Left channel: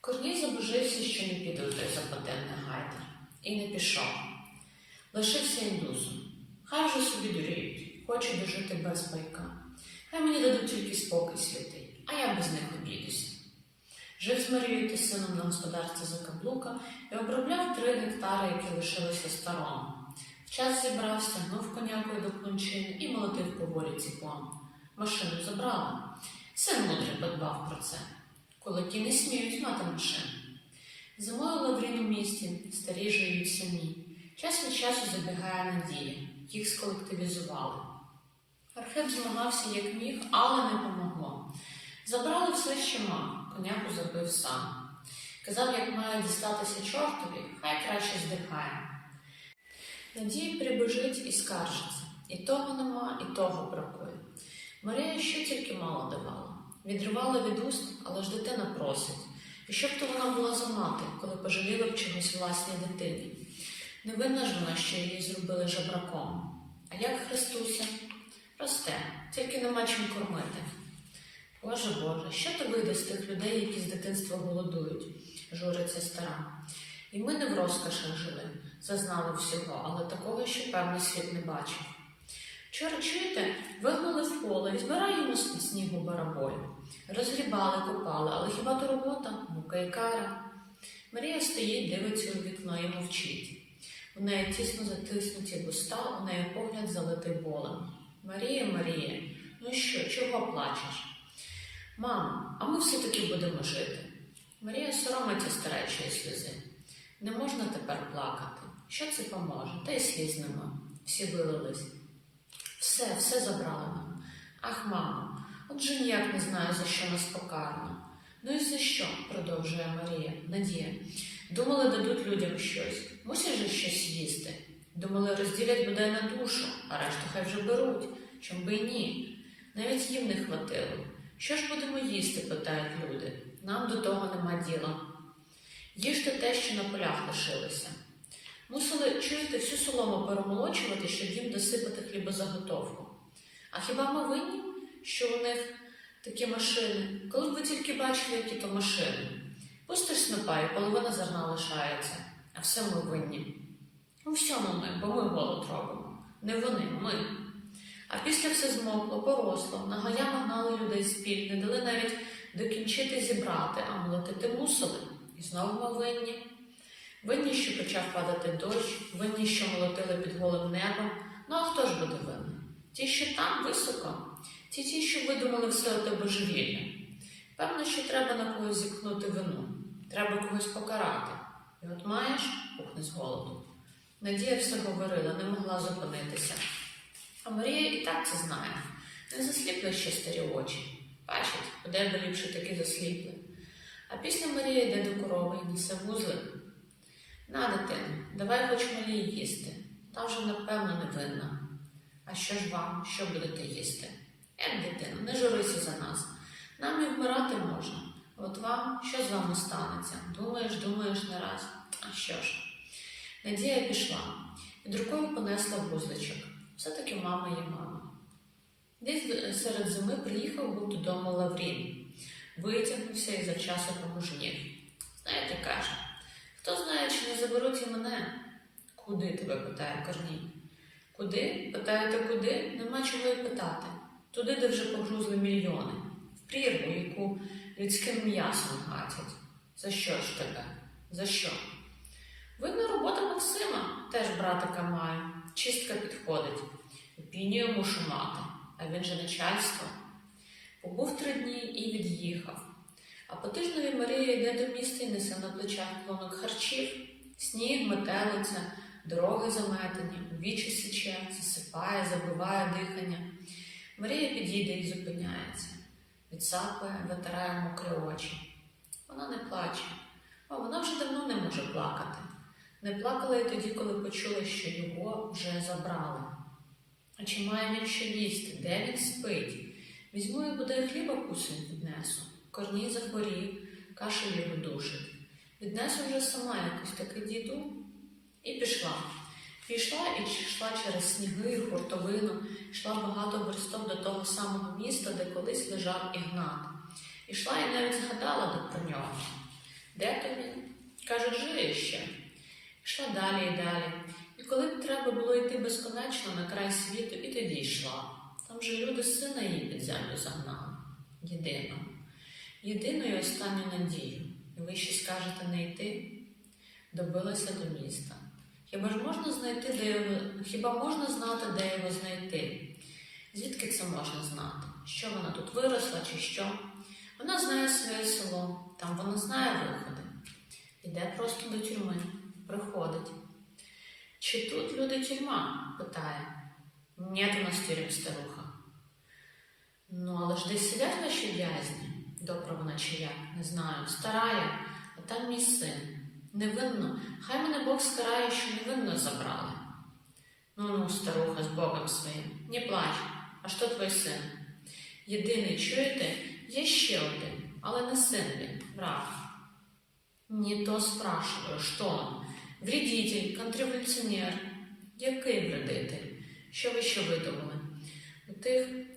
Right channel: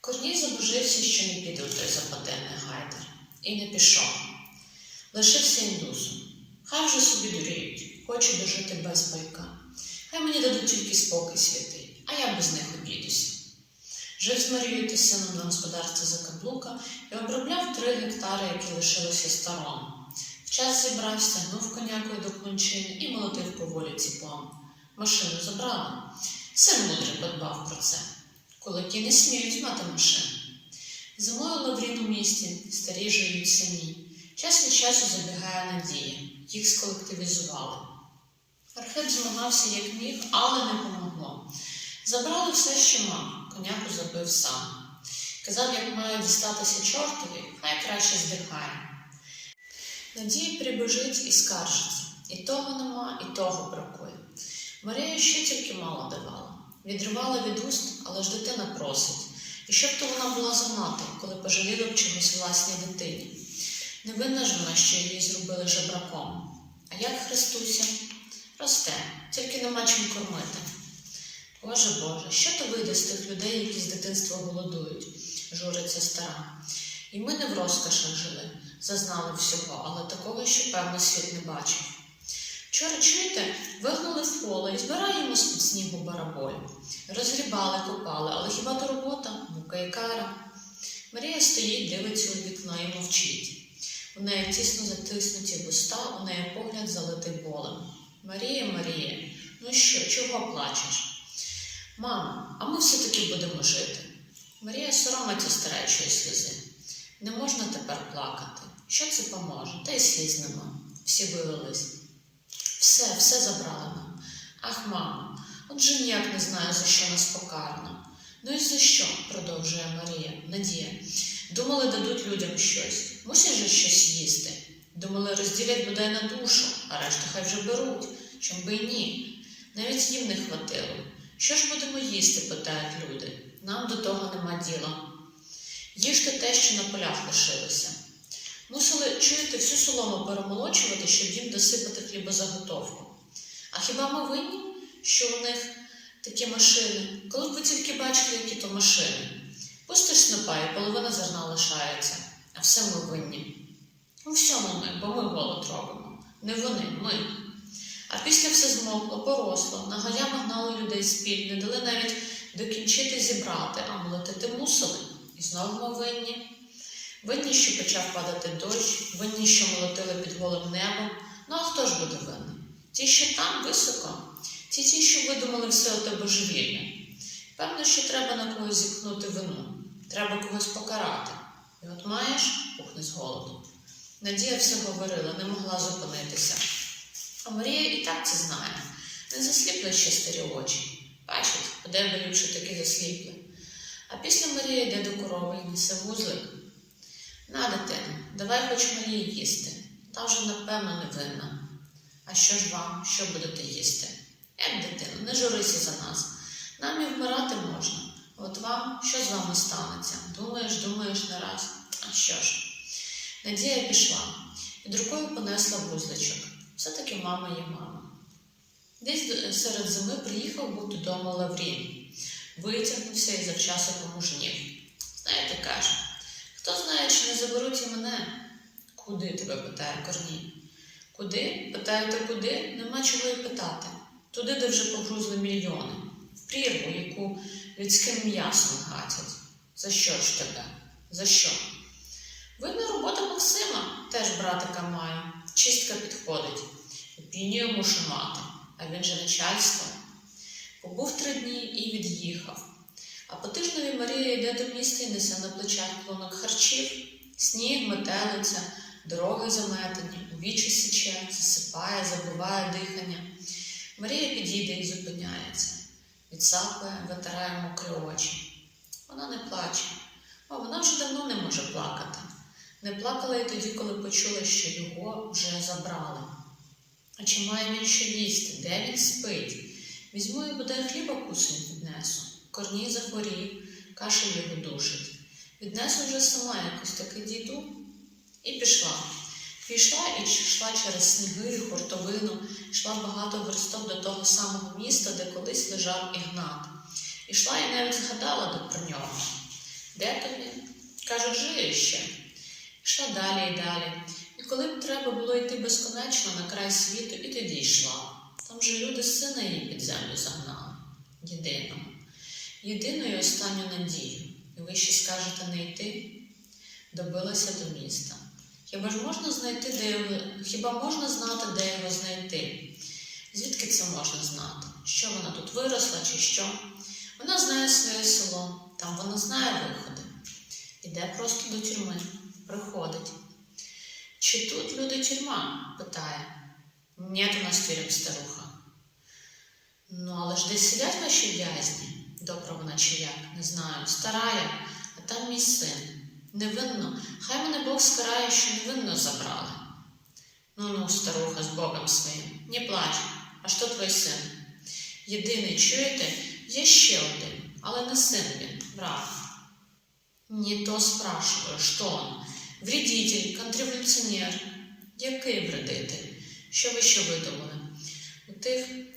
Корній забожився, що не піде у той западенний гайдер, і не пішов. Лишився індусом. Хай вже собі дуріють, хочу дожити без пайка. Хай мені дадуть тільки спокій святий, а я без них обійдуся. Жив з Марією та сином на господарстві Закаблука і обробляв три гектари, які лишилися старому. В час зібрав, стягнув конякою до клончини і молотив поволі ціпом. Машину забрали. Син мудрий подбав про це. Кулаки не сміють мати машину. Зимою Лаврін у місті, старі живуть самі. Час від часу забігає Надія. Їх сколективізували. Архип змагався як міг, але не помогло. Забрали все, що мав, коняку забив сам. Казав, як має дістатися чортові, хай краще здихає. Надія прибежить і скаржиться. І того нема, і того бракує. Марія ще тільки мало давала. Відривала від уст, але ж дитина просить. І щоб то вона була за мати, коли пожаліла б чогось власній дитині. Невинна ж вона, що її зробили жебраком. А як Христуся? Росте, тільки нема чим кормити. Боже Боже, що то вийде з тих людей, які з дитинства голодують, журиться стара. І ми не в розкошах жили, зазнали всього, але такого, що певний світ не бачив. Вчора, чуєте, вигнали в поле і збираємо з-під снігу бараболю. Розгрібали, копали, але хіба то робота, мука і кара. Марія стоїть, дивиться у вікно і мовчить. У неї тісно затиснуті вуста, у неї погляд залитий болем. Марія, Марія, ну що, чого плачеш? Мамо, а ми все-таки будемо жити. Марія соромиться старечої сльози. Не можна тепер плакати. Що це поможе? Та й сліз нема. Всі вилились. Все, все забрали нам. Ах, мамо, отже ніяк не знаю, за що нас покарано. Ну і за що? продовжує Марія, Надія. Думали, дадуть людям щось. Мусять же щось їсти. Думали, розділять бодай на душу, а решту хай вже беруть. Чом би й ні. Навіть їм не хватило. Що ж будемо їсти? питають люди. Нам до того нема діла. Їжте те, що на полях лишилося. Мусили, чуєте, всю солому перемолочувати, щоб їм досипати хлібозаготовку. А хіба ми винні, що у них такі машини? Коли б ви тільки бачили, які то машини. Пустиш снопа і половина зерна лишається, а все ми винні. У всьому ми, бо ми голод робимо. Не вони, ми. А після все змокло, поросло, на гаями гнали людей з піль, не дали навіть докінчити зібрати, а молотити мусили. І знову ми винні. Винні, що почав падати дощ, винні, що молотили під голим небом. Ну а хто ж буде винен? Ті, що там високо, ті, ті, що видумали все оте божевільне. Певно, що треба на когось зіткнути вину, треба когось покарати. І от маєш, пухне з голоду. Надія все говорила, не могла зупинитися. А Марія і так це знає. Не засліпли ще старі очі. Бачить, де би ліпше таки засліпли. А після Марія йде до корови і несе вузлик. На, дитину, давай хоч Марії їсти. Та вже, напевно, не винна. А що ж вам, що будете їсти? Як дитину, не журися за нас. Нам і вмирати можна. От вам, що з вами станеться? Думаєш, думаєш не раз. А що ж? Надія пішла, під рукою понесла вузличок. Все-таки мама є мама. Десь серед зими приїхав був додому Лаврін. Витягнувся і завчасно помужнів. Знаєте, каже, хто знає, чи не заберуть і мене? Куди тебе питає Корній? Куди? Питаєте, куди? Нема чого й питати. Туди, де вже погрузли мільйони, в прірву, яку людським м'ясом гатять. За що ж тебе? За що? Видно, робота Максима теж братика має. Чистка підходить. Опінію мушу мати, а він же начальство. Побув три дні і від'їхав. А по тижневі Марія йде до міста і несе на плечах клонок харчів, сніг, метелиця, дороги заметені, вічі січе, засипає, забиває дихання. Марія підійде і зупиняється, відсапує, витирає мокрі очі. Вона не плаче, а вона вже давно не може плакати. Не плакала і тоді, коли почула, що його вже забрали. А чи має він що їсти? Де він спить? Візьму і буде хліба кусень віднесу. Корній захворів, кашель його душить. Віднесу вже сама якось таки діду. І пішла. Пішла і йшла через сніги, хуртовину, йшла багато верстов до того самого міста, де колись лежав Ігнат. Ішла і навіть згадала про нього. Де тобі? Кажуть, жиє ще. Йшла далі і далі. І коли б треба було йти безконечно на край світу, і тоді йшла. Там же люди сина її під землю загнали. Єдину. Єдину і останню надію. І ви ще скажете не йти? Добилася до міста. Хіба ж можна знайти, де його, хіба можна знати, де його знайти? Звідки це можна знати? Що вона тут виросла чи що? Вона знає своє село, там вона знає виходи. Іде просто до тюрми, приходить. Чи тут люди тюрма? питає. Нет у нас тюрем, старуха. Ну, але ж десь сидять ваші в'язні, добра вона чи як, не знаю, старая, а там мій син. Невинно, хай мене Бог скарає, що невинно забрали. Ну ну, старуха, з Богом своїм, не плач, а що твій син? Єдиний, чуєте, є ще один, але не син він, брат. Не то спрашиваю, що он? Вредитель, контрреволюціонер. Який вредитель? Що ви ще видумали? У тих, е,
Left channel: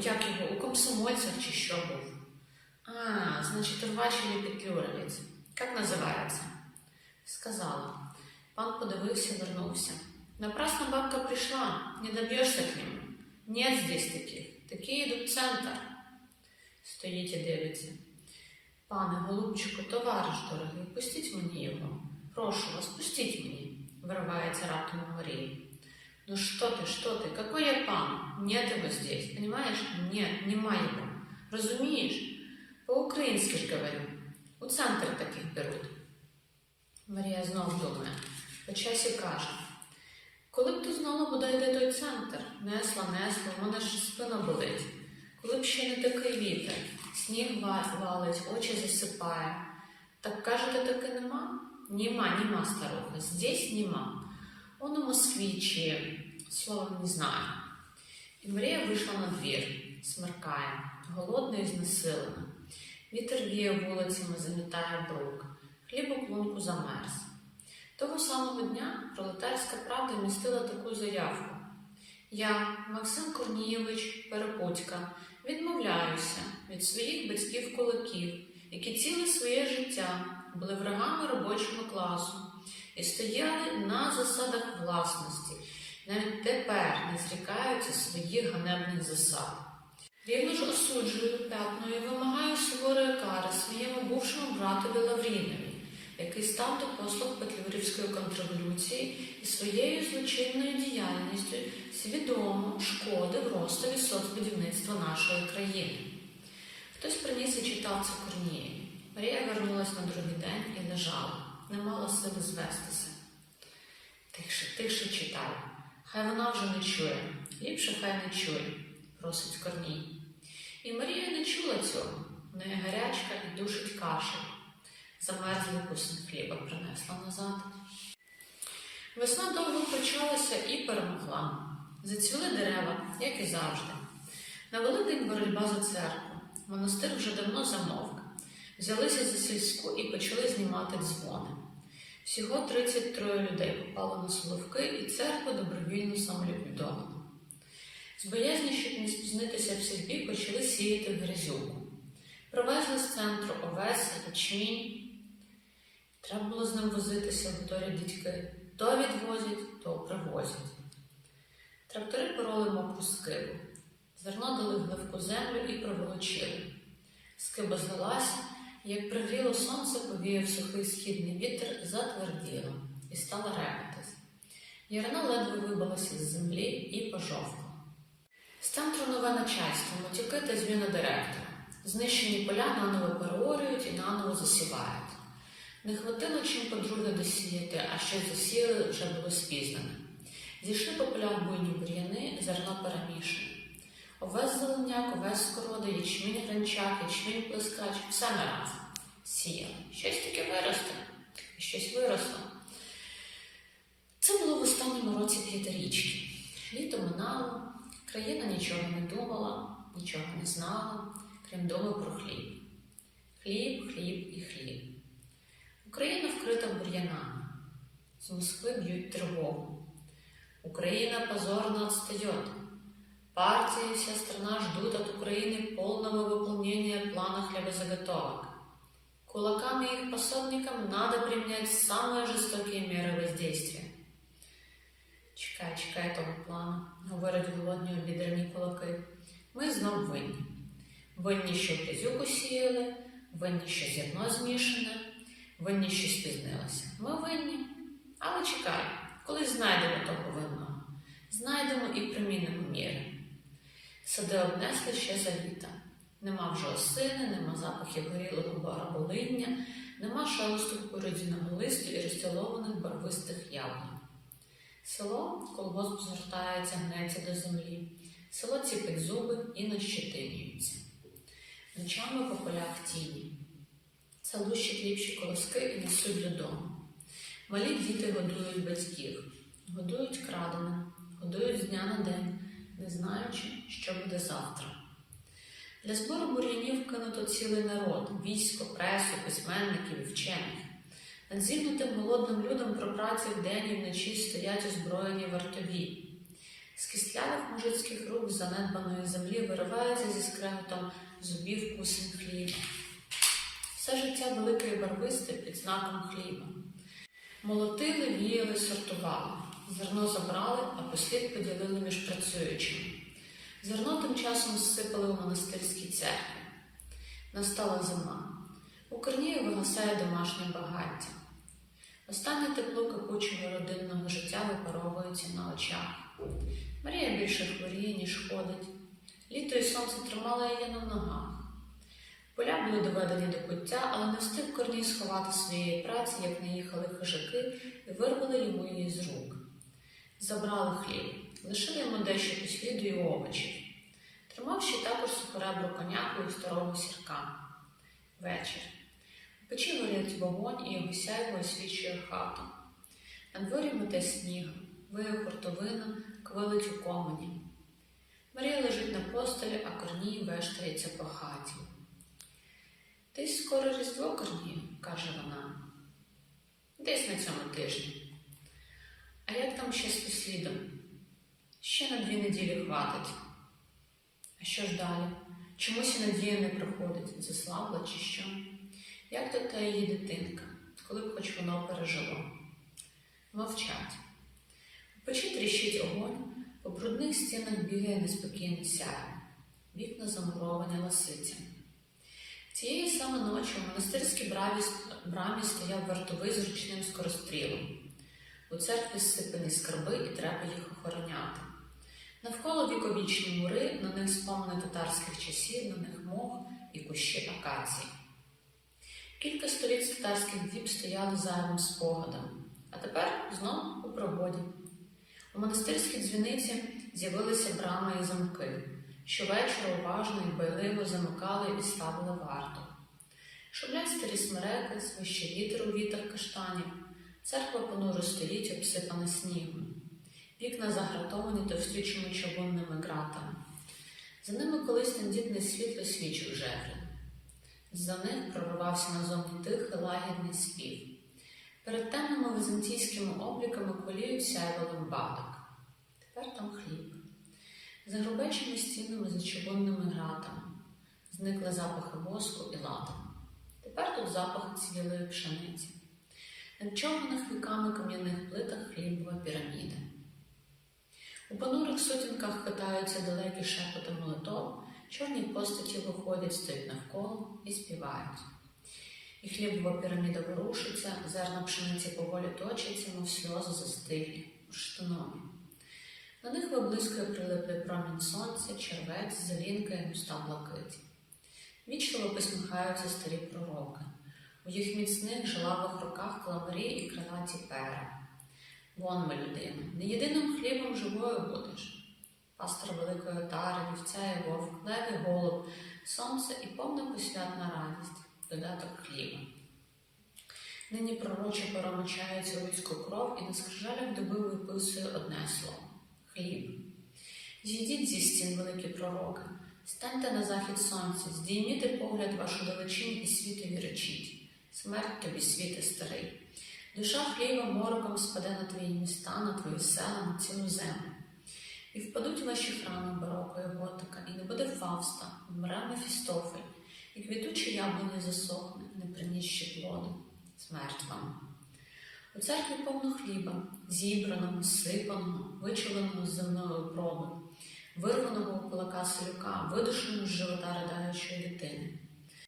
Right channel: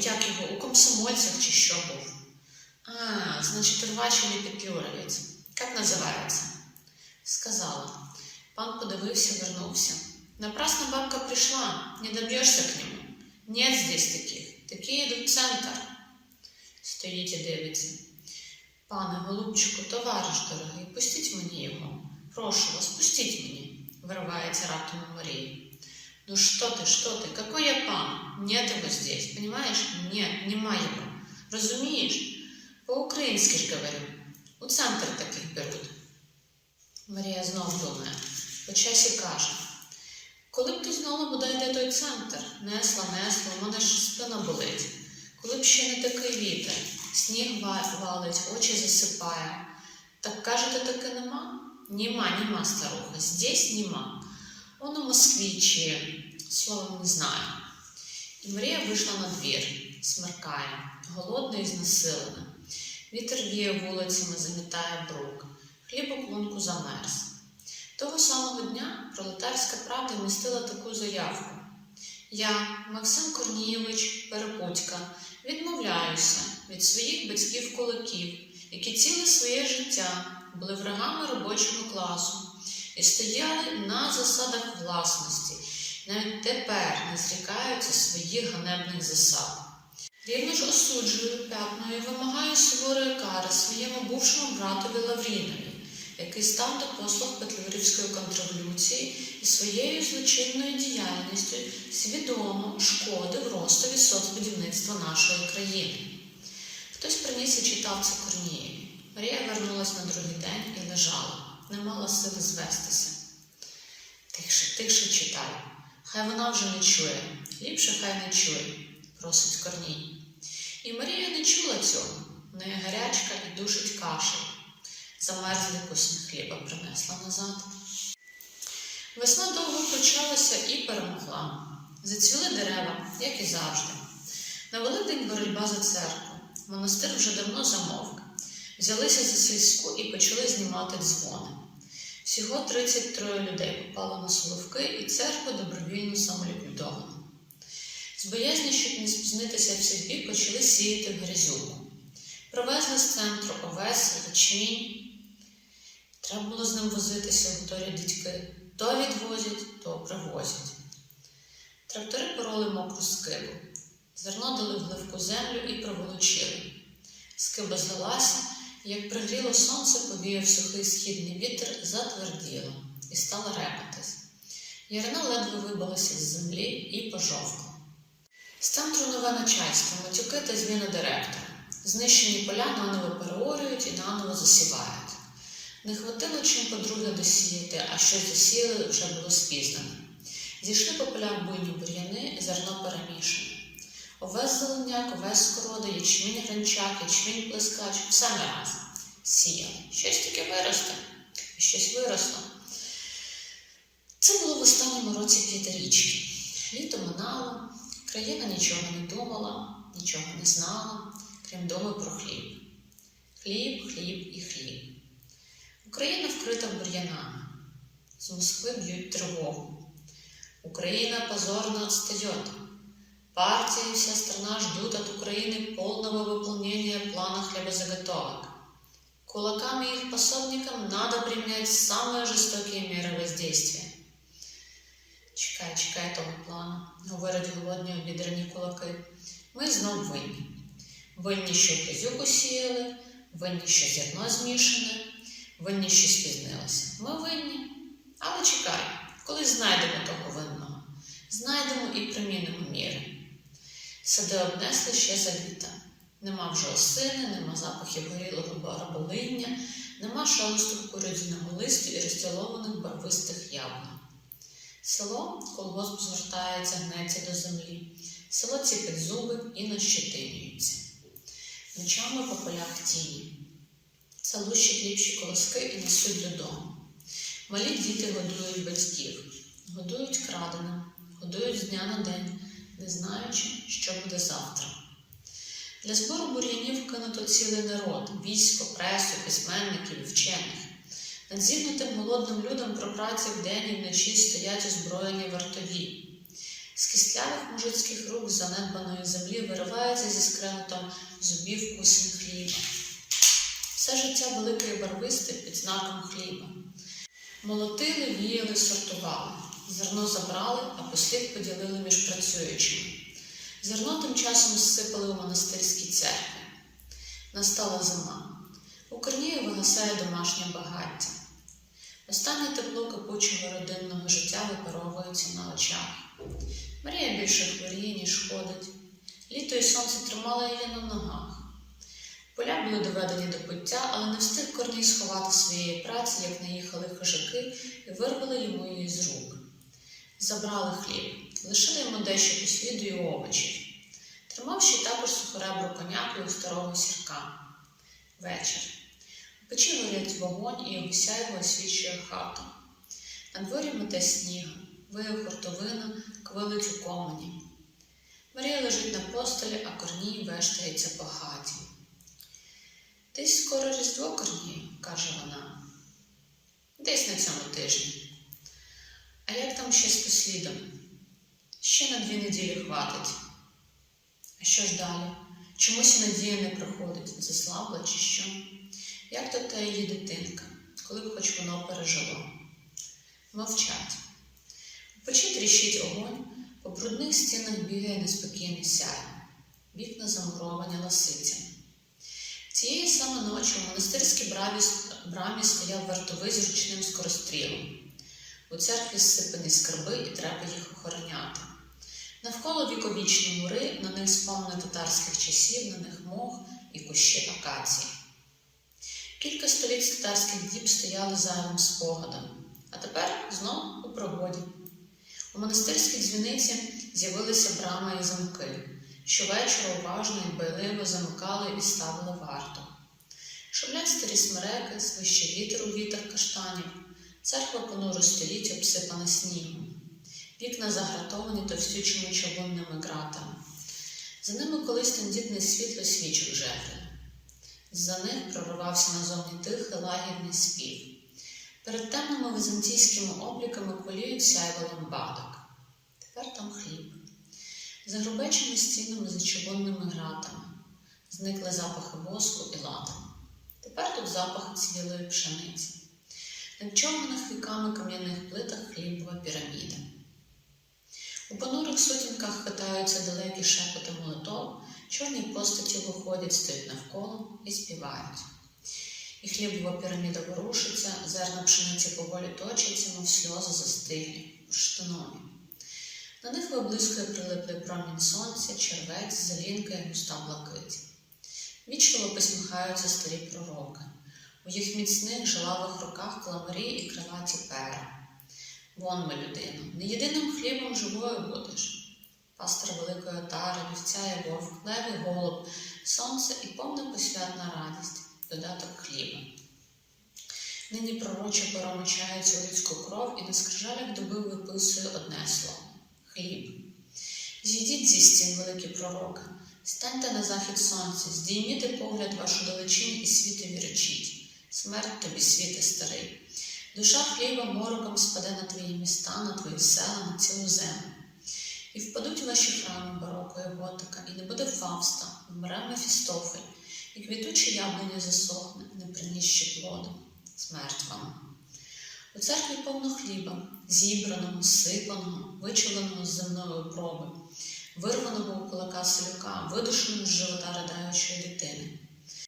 як його, у комсомольцях чи що був? А, значить, рвач или петлюровець. Як називається? Сказала. Пан подивився, вернувся. Напрасно бабка пришла, не добьешься к нему. Нет здесь таких. Такі йдуть в центр. Стоїть і дивиться. Пане голубчику, товариш дорогий, пустіть мені його. Прошу вас, пустіть мені, виривається раптом у Марії. Ну что ты, что ты, какой я пан? Нет его здесь, понимаешь? Нет, нема его. Розумієш? По-українськи ж говорю. У центр таких беруть. Марія знов думає, по часі каже. Коли б ти знала, бодай де той центр, несла, несла, у мене ж спина болить. Коли б ще не такий вітер, сніг валить, очі засипає. Так кажете, таки нема? Нема, нема, старуха, здесь нема. Он у Москві чи словом не знаю. І Марія вийшла на двір, смеркає, голодна і знесилена. Вітер віє вулицями, замітає брук, хліб у клунку замерз. Того самого дня пролетарська правда містила таку заявку. Я, Максим Корнієвич Перепутька, відмовляюся від своїх батьків-кулаків, які ціле своє життя були врагами робочого класу і стояли на засадах власності, навіть тепер не зрікаються своїх ганебних засад. Рівно ж осуджую п'ятною і вимагаю суворої кари своєму бувшому братові Лаврінові, який став до послуг Петлюрівської контрреволюції і своєю злочинною діяльністю свідомо шкодив ростові соцбудівництва нашої країни. Хтось приніс і читав це Корнієві. Марія вернулась на другий день і лежала, не мала сили звестися. Тихше, тихше читай. Хай вона вже не чує, ліпше хай не чує, просить Корній. І Марія не чула цього. Неї гарячка і душить кашель. Замерзлий кусень хліба принесла назад. Весна довго почалася і перемогла. Зацвіли дерева, як і завжди. На Великдень боротьба за церкву. Монастир вже давно замовк. Взялися за сільську і почали знімати дзвони. Всього 33 людей попало на Соловки, і церкву добровільно самоліквідовано. З боязні, щоб не спізнитися в сільбі, почали сіяти грязюку. Привезли з центру овес, ячмінь. Треба було з ним возитися, говорять дідьки. То відвозять, то привозять. Трактори пороли мокру скибу. Зерно дали в гливку землю і проволочили. Скиба злилася, як пригріло сонце, повіяв сухий східний вітер, затверділо і стала репатись. Ярина ледве вибилася з землі і пожовкла. З центру нове начальство, матюки та зміна директора. Знищені поля наново переорюють і наново засівають. Не хватило чим подруге досіяти, а що засіяли, вже було спізнено. Зійшли по полях буйні бур'яни, зерно перемішане. Овес зеленяк, овес скорода, ячмінь гранчак, ячмінь плескач, все на раз. Сіяли. Щось таке виросте, щось виросло. Це було в останньому році п'ятирічки. Літо минало, країна нічого не думала, нічого не знала, крім думи про хліб. Хліб, хліб і хліб. Україна вкрита бур'янами. З Москви б'ють тривогу. Украина позорно отстает. Партия и вся страна ждут от Украины полного выполнения плана хлебозаготовок. Кулакам и их пособникам надо применять самые жестокие меры воздействия. Чекай, чекай того плану, говорять голодні обідрані кулаки. Ми знов винні. Винні, що кизюку сіяли, винні, що зерно змішане, винні, що спізнилося. Ми винні. Але чекай, коли знайдемо того винного, знайдемо і примінимо міри. Сади обнесли ще за літа. Нема вже осини, нема запахів горілого бараболиння, нема шелесту куродзяного листу і розцілованих барвистих яблунь. Село колгосп звертається, гнеться до землі. Село ціпить зуби і нащетинюється. Ночами по полях тіні. Це лущать ліпші колоски і несуть додому. Малі діти годують батьків, годують краденим, годують з дня на день, не знаючи, що буде завтра. Для збору бур'янів кинуто цілий народ, військо, пресу, письменників, і вчених. Над зігнутим голодним людом про праці вдень і вночі стоять озброєні вартові. З кістлявих мужицьких рук занедбаної землі виривається зі скреготом зубів кусень хліба. Все життя велике і барвисте під знаком хліба. Молотили, віяли, сортували. Зерно забрали, а послід поділили між працюючими. Зерно тим часом зсипали у монастирській церкві. Настала зима. У Корнію вигасає домашнє багаття. Останнє тепло кипучого родинного життя випаровується на очах. Марія більше хворіє, ніж ходить. Літо і сонце тримало її на ногах. Поля були доведені до пуття, але не встиг Корній сховати своєї праці, як наїхали хижаки і вирвали йому її з рук. Забрали хліб, лишили йому дещо посліду і овочів. Тримав ще також сухоребру коняку і старого сірка. Вечір. Печі горять вогонь і його освічує хату. На дворі мете сніг, виє хуртовина, квилить у комені. Марія лежить на постелі, а Корній вештається по хаті. Десь скоро Різдво Корнію, каже вона. Десь на цьому тижні. А як там ще з послідом? Ще на дві неділі хватить. А що ж далі? Чомусь і надія не приходить, заслабла чи що? Як то та її дитинка, коли б хоч воно пережило? Мовчать. У печі тріщить огонь, по брудних стінах бігає неспокійне сяйво, вікна замуровані ласицями. Цієї саме ночі у монастирській брамі, стояв вартовий з ручним скорострілом. У церкві зсипані скарби і треба їх охороняти. Навколо віковічні мури, на них спомни татарських часів, на них мох і кущі акації. Кілька століть татарських діб стояли зайвим спогадом, а тепер знов у пригоді. У монастирській дзвіниці з'явилися брами і замки. Щовечора уважно і байливо замикали і ставили варту. Шумлять старі смереки, свище вітер у вітер каштанів. Церква понуро стоїть, обсипана снігом. Вікна загратовані товстючими чавунними ґратами. За ними колись тендітне світло свічок жевріло. За них проривався назовні тихий лагідний спів. Перед темними візантійськими обліками коліють сяйво ламбадок. Тепер там хліб. За грубечими стінами за чавунними гратами зникли запахи воску і ладану. Тепер тут запах цвілої пшениці. На човних віками кам'яних плитах хлібова піраміда. У понурих сутінках хитаються далекі шепоти молитов, чорні постаті виходять, стоять навколо і співають. І хлібова піраміда ворушиться, зерна пшениці поволі точаться, мов сльози застиглі, бурштинові. На них виблискує прилиплий промінь сонця, червець, залінка і густа блакить. Вічливо посміхаються старі пророки. У їх міцних жилавих руках кламарі і крилаті пера. Вон ми, людина, не єдиним хлібом живою будеш. Пастор великої отари, вівця і вовк, лев і голуб, сонце і повна посвятна радість, додаток хліба. Нині пророче поромочається у людську кров і на скрижалях доби виписує одне слово хліб. Зійдіть зі стін, великі пророки, станьте на захід сонця, здійміте погляд вашу далечінь і світові речіть. Смерть тобі, світе старий. Душа хліба мороком спаде на твої міста, на твої села, на цілу землю. І впадуть ваші храми бароко і готика, і не буде Фавста, вмре Мефістофель, і квітуче яблуня засохне, не принісши плоду, смерть вам. У церкві повно хліба, зібраного, сипаного, вичавленого з земної проби, вирваного у кулака селюка, видушеного з живота ридаючої дитини.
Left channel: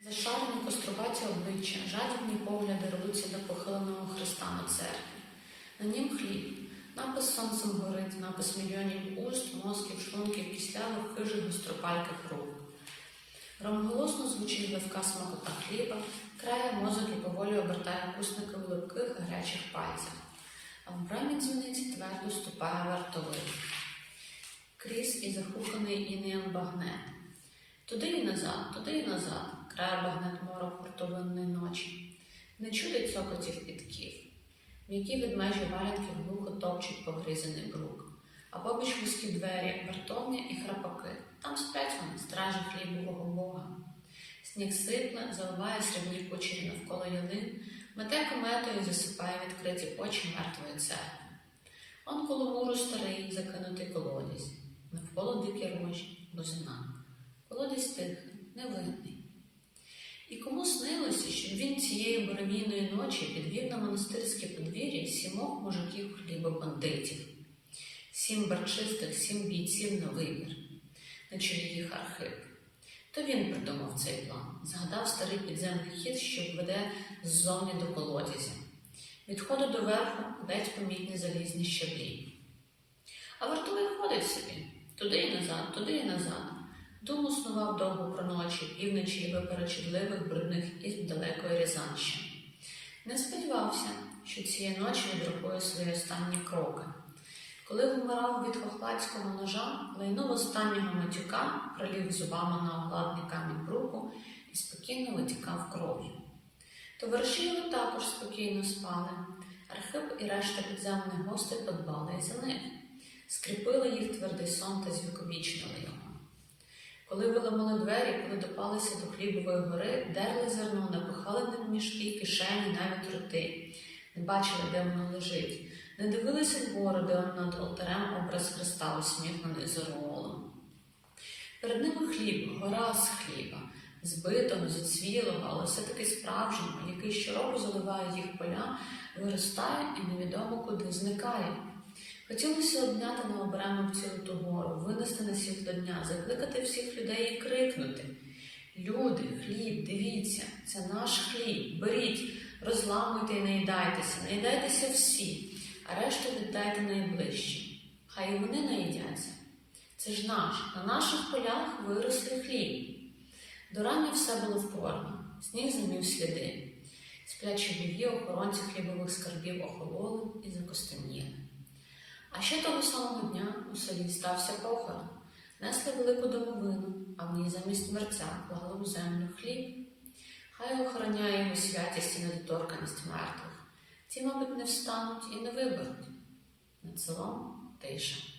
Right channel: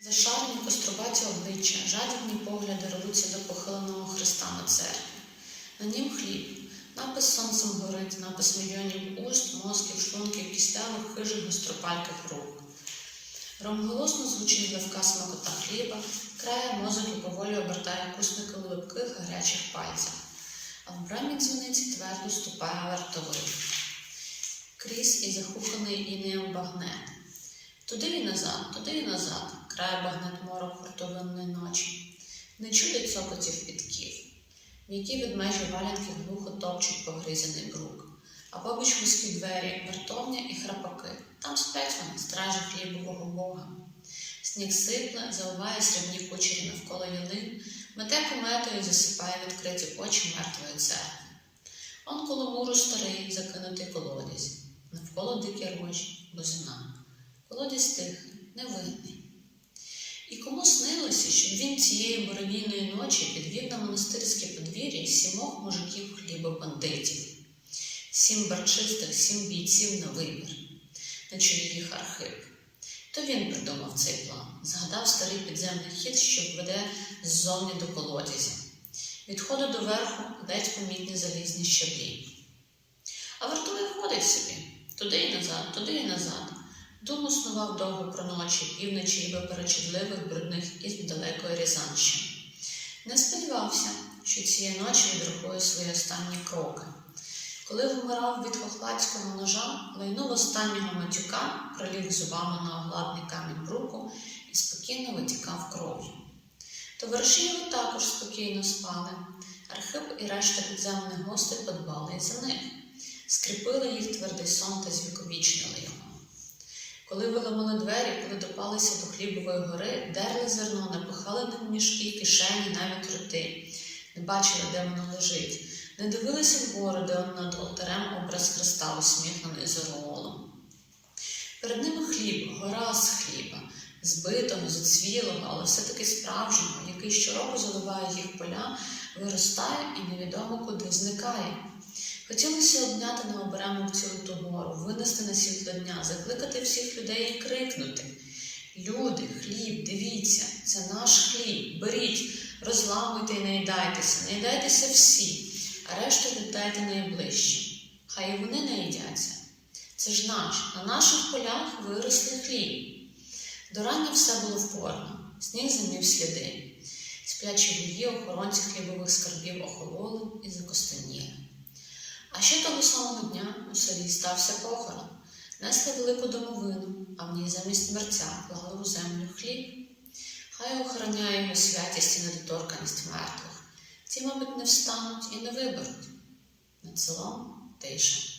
Зашарені кострубаті обличчя, жадібні погляди рвуться до похиленого Христа на церкві. На нім хліб, напис сонцем горить, напис мільйонів уст, мозків, шлунків, кислявих, хижих, гостропальких рук. Ромголосно звучить гливка смакота хліба, крає мозок і поволі обертає кусники у липких гарячих пальцях, а в брамі дзвіниці твердо ступає вартовий. Крізь і захуканий інеєм багнет. Туди і назад, туди і назад, крає багнет морок хуртовинної ночі. Не чути цокотів підків. М'які ведмежі валянки глухо топчуть погризаний брук. А побіч вузькі двері, вартовня і храпаки. Там сплять вони, стражі хлібового бога. Сніг сипле, заливає срібні кучері навколо ялин, мете кометою засипає відкриті очі мертвої церкви. Он коло муру старий, закинутий колодязь, навколо дикі рожі, бозина. Колодязь тихий, невинний. І кому снилося, він цієї буревійної ночі підвів на монастирське подвір'я сімох мужиків хлібобандитів, сім барчистих, сім бійців на вибір, на чолі їх архип. То він придумав цей план, згадав старий підземний хід, що веде ззовні до колодязя. Від до верху ледь помітні залізні щаблі. А вартовий ходить собі туди і назад, туди і назад. Думу снував довго про ночі, півночі і виперечудливих брудних із далекої Рязанщини. Не сподівався, що цієї ночі відрахує свої останні кроки. Коли вмирав від хохладського ножа, лайнув останнього матюка, проліг зубами на огладний камінь бруку і спокійно витікав кров'ю. Товариші його також спокійно спали. Архип і решта підземних гостей подбали за них, скріпили їх твердий сон та звіковічнили його. Коли виламали двері, коли допалися до хлібової гори, дерли зерно, напихали ним мішки, кишені, навіть роти, не бачили, де воно лежить, не дивилися вгору, де над алтарем образ Христа усміхнений зоролом. Перед ними хліб, гора з хліба, збитого, зацвілого, але все-таки справжнього, який щороку заливає їх поля, виростає і невідомо куди зникає. Хотілося обняти на оберемок цілу ту гору, винести на світло дня, закликати всіх людей і крикнути. Люди, хліб, дивіться, це наш хліб, беріть, розламуйте і наїдайтеся, наїдайтеся всі, а решту віддайте найближчим. Хай і вони наїдяться. Це ж наш, на наших полях виросли хліб. До рання все було впорно, сніг замів сліди. Сплячі вуї охоронці хлібових скарбів охололи і закостеніли. А ще того самого дня у селі стався похорон. Несли велику домовину, а в ній замість мерця клали у землю хліб. Хай охороняє його святість і недоторканість мертвих. Ті, мабуть, не встануть і не виберуть. Над селом тиша.